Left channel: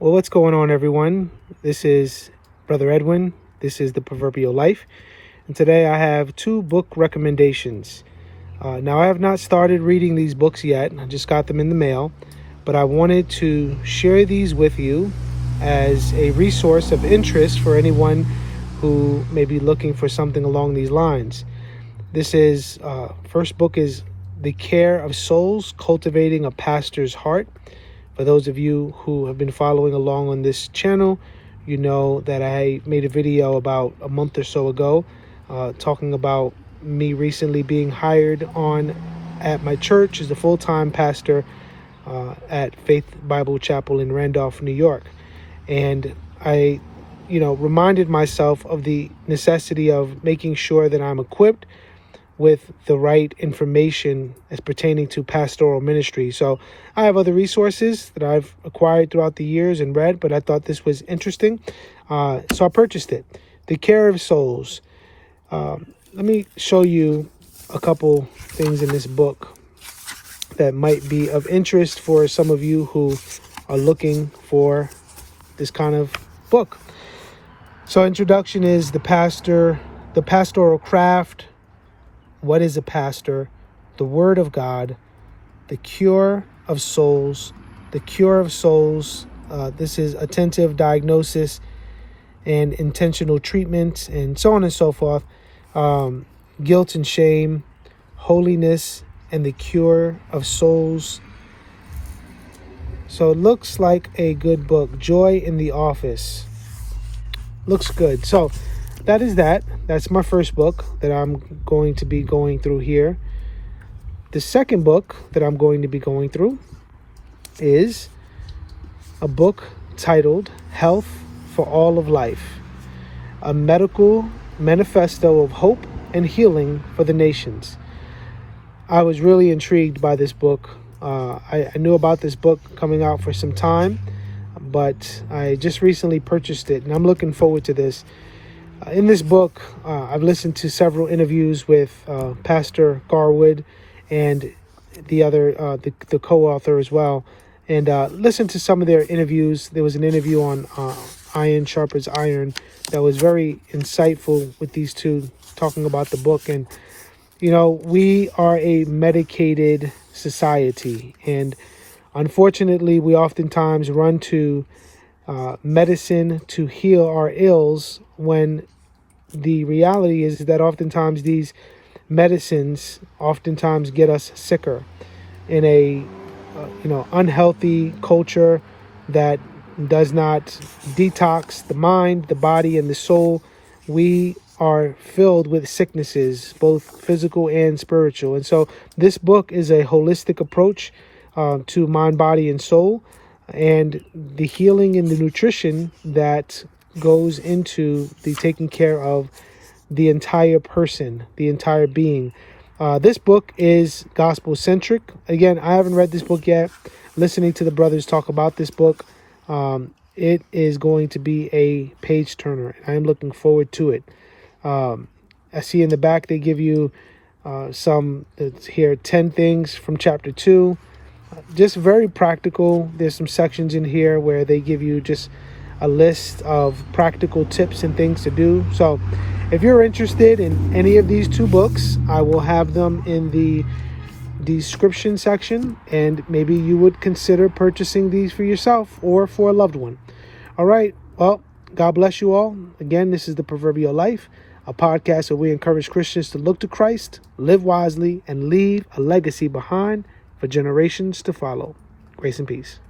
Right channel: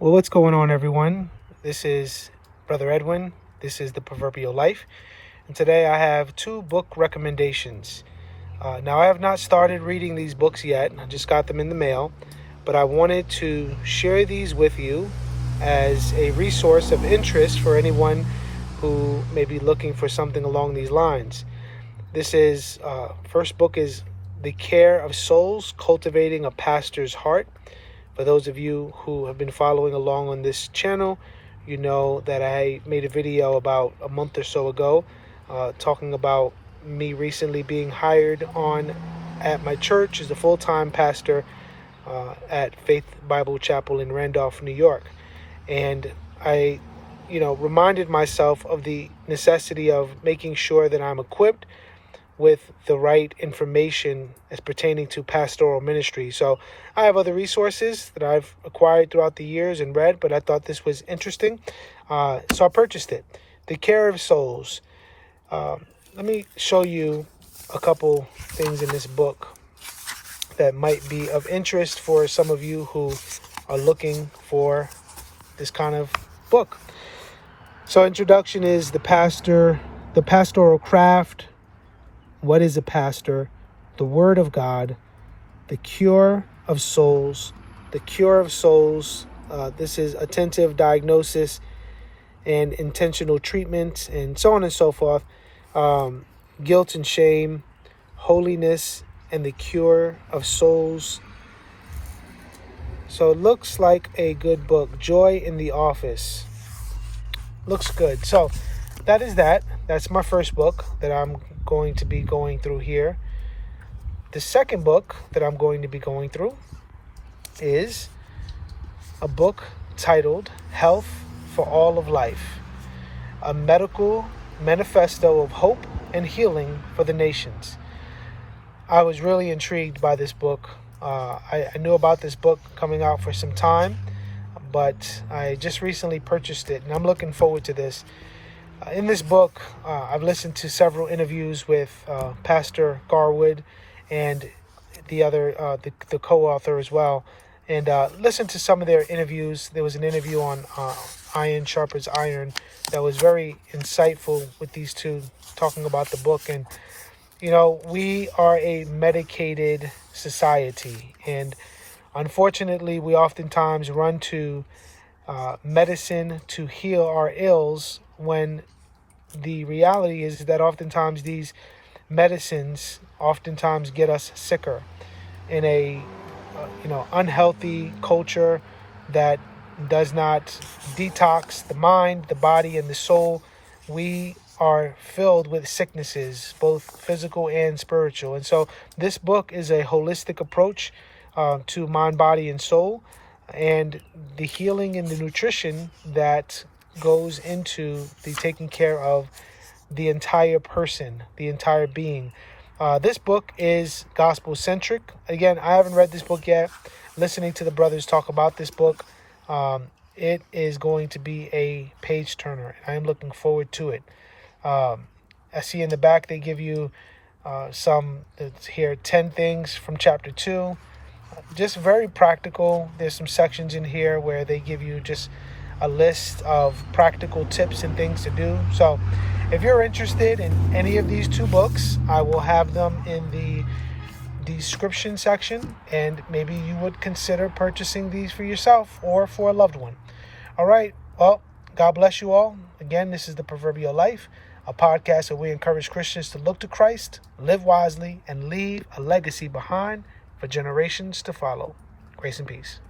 Well, what's going on, everyone? This is Brother Edwin. This is the Proverbial Life. And today I have two book recommendations. Now, I have not started reading these books yet. I just got them in the mail. But I wanted to share these with you as a resource of interest for anyone who may be looking for something along these lines. This is, first book is The Care of Souls, Cultivating a Pastor's Heart. For those of you who have been following along on this channel, you know that I made a video about a month or so ago talking about me recently being hired on at my church as a full-time pastor at Faith Bible Chapel in Randolph, New York. And I, reminded myself of the necessity of making sure that I'm equipped with the right information as pertaining to pastoral ministry. So I have other resources that I've acquired throughout the years and read, but I thought this was interesting. So I purchased it. The Care of Souls. Let me show you a couple things in this book that might be of interest for some of you who are looking for this kind of book. So introduction is the pastoral craft. What is a pastor? The Word of God, the cure of souls, the cure of souls. This is attentive diagnosis and intentional treatment, and so on and so forth. Guilt and shame, holiness, and the cure of souls. So it looks like a good book. Joy in the Office. Looks good. So that is that. That's my first book that I'm going to be going through here. The second book that I'm going to be going through is a book titled Health for All of Life, a medical manifesto of hope and healing for the nations. I was really intrigued by this book. I knew about this book coming out for some time, but I just recently purchased it, and I'm looking forward to this. In this book, I've listened to several interviews with Pastor Garwood and the other, the co-author as well, and listened to some of their interviews. There was an interview on Iron Sharpens Iron that was very insightful with these two talking about the book. And, we are a medicated society, and unfortunately, we oftentimes run to medicine to heal our ills, when the reality is that oftentimes these medicines oftentimes get us sicker in a unhealthy culture that does not detox the mind, the body, and the soul. We are filled with sicknesses, both physical and spiritual. And so this book is a holistic approach to mind, body, and soul, and the healing and the nutrition that goes into the taking care of the entire person, the entire being. This book is gospel-centric. Again, I haven't read this book yet. Listening to the brothers talk about this book, it is going to be a page-turner. I am looking forward to it. I see in the back they give you here 10 things from chapter 2. Just very practical. There's some sections in here where they give you just a list of practical tips and things to do. So if you're interested in any of these two books, I will have them in the description section, and maybe you would consider purchasing these for yourself or for a loved one. All right. Well, God bless you all. Again, this is the Proverbial Life, a podcast where we encourage Christians to look to Christ, live wisely, and leave a legacy behind for generations to follow. Grace and peace.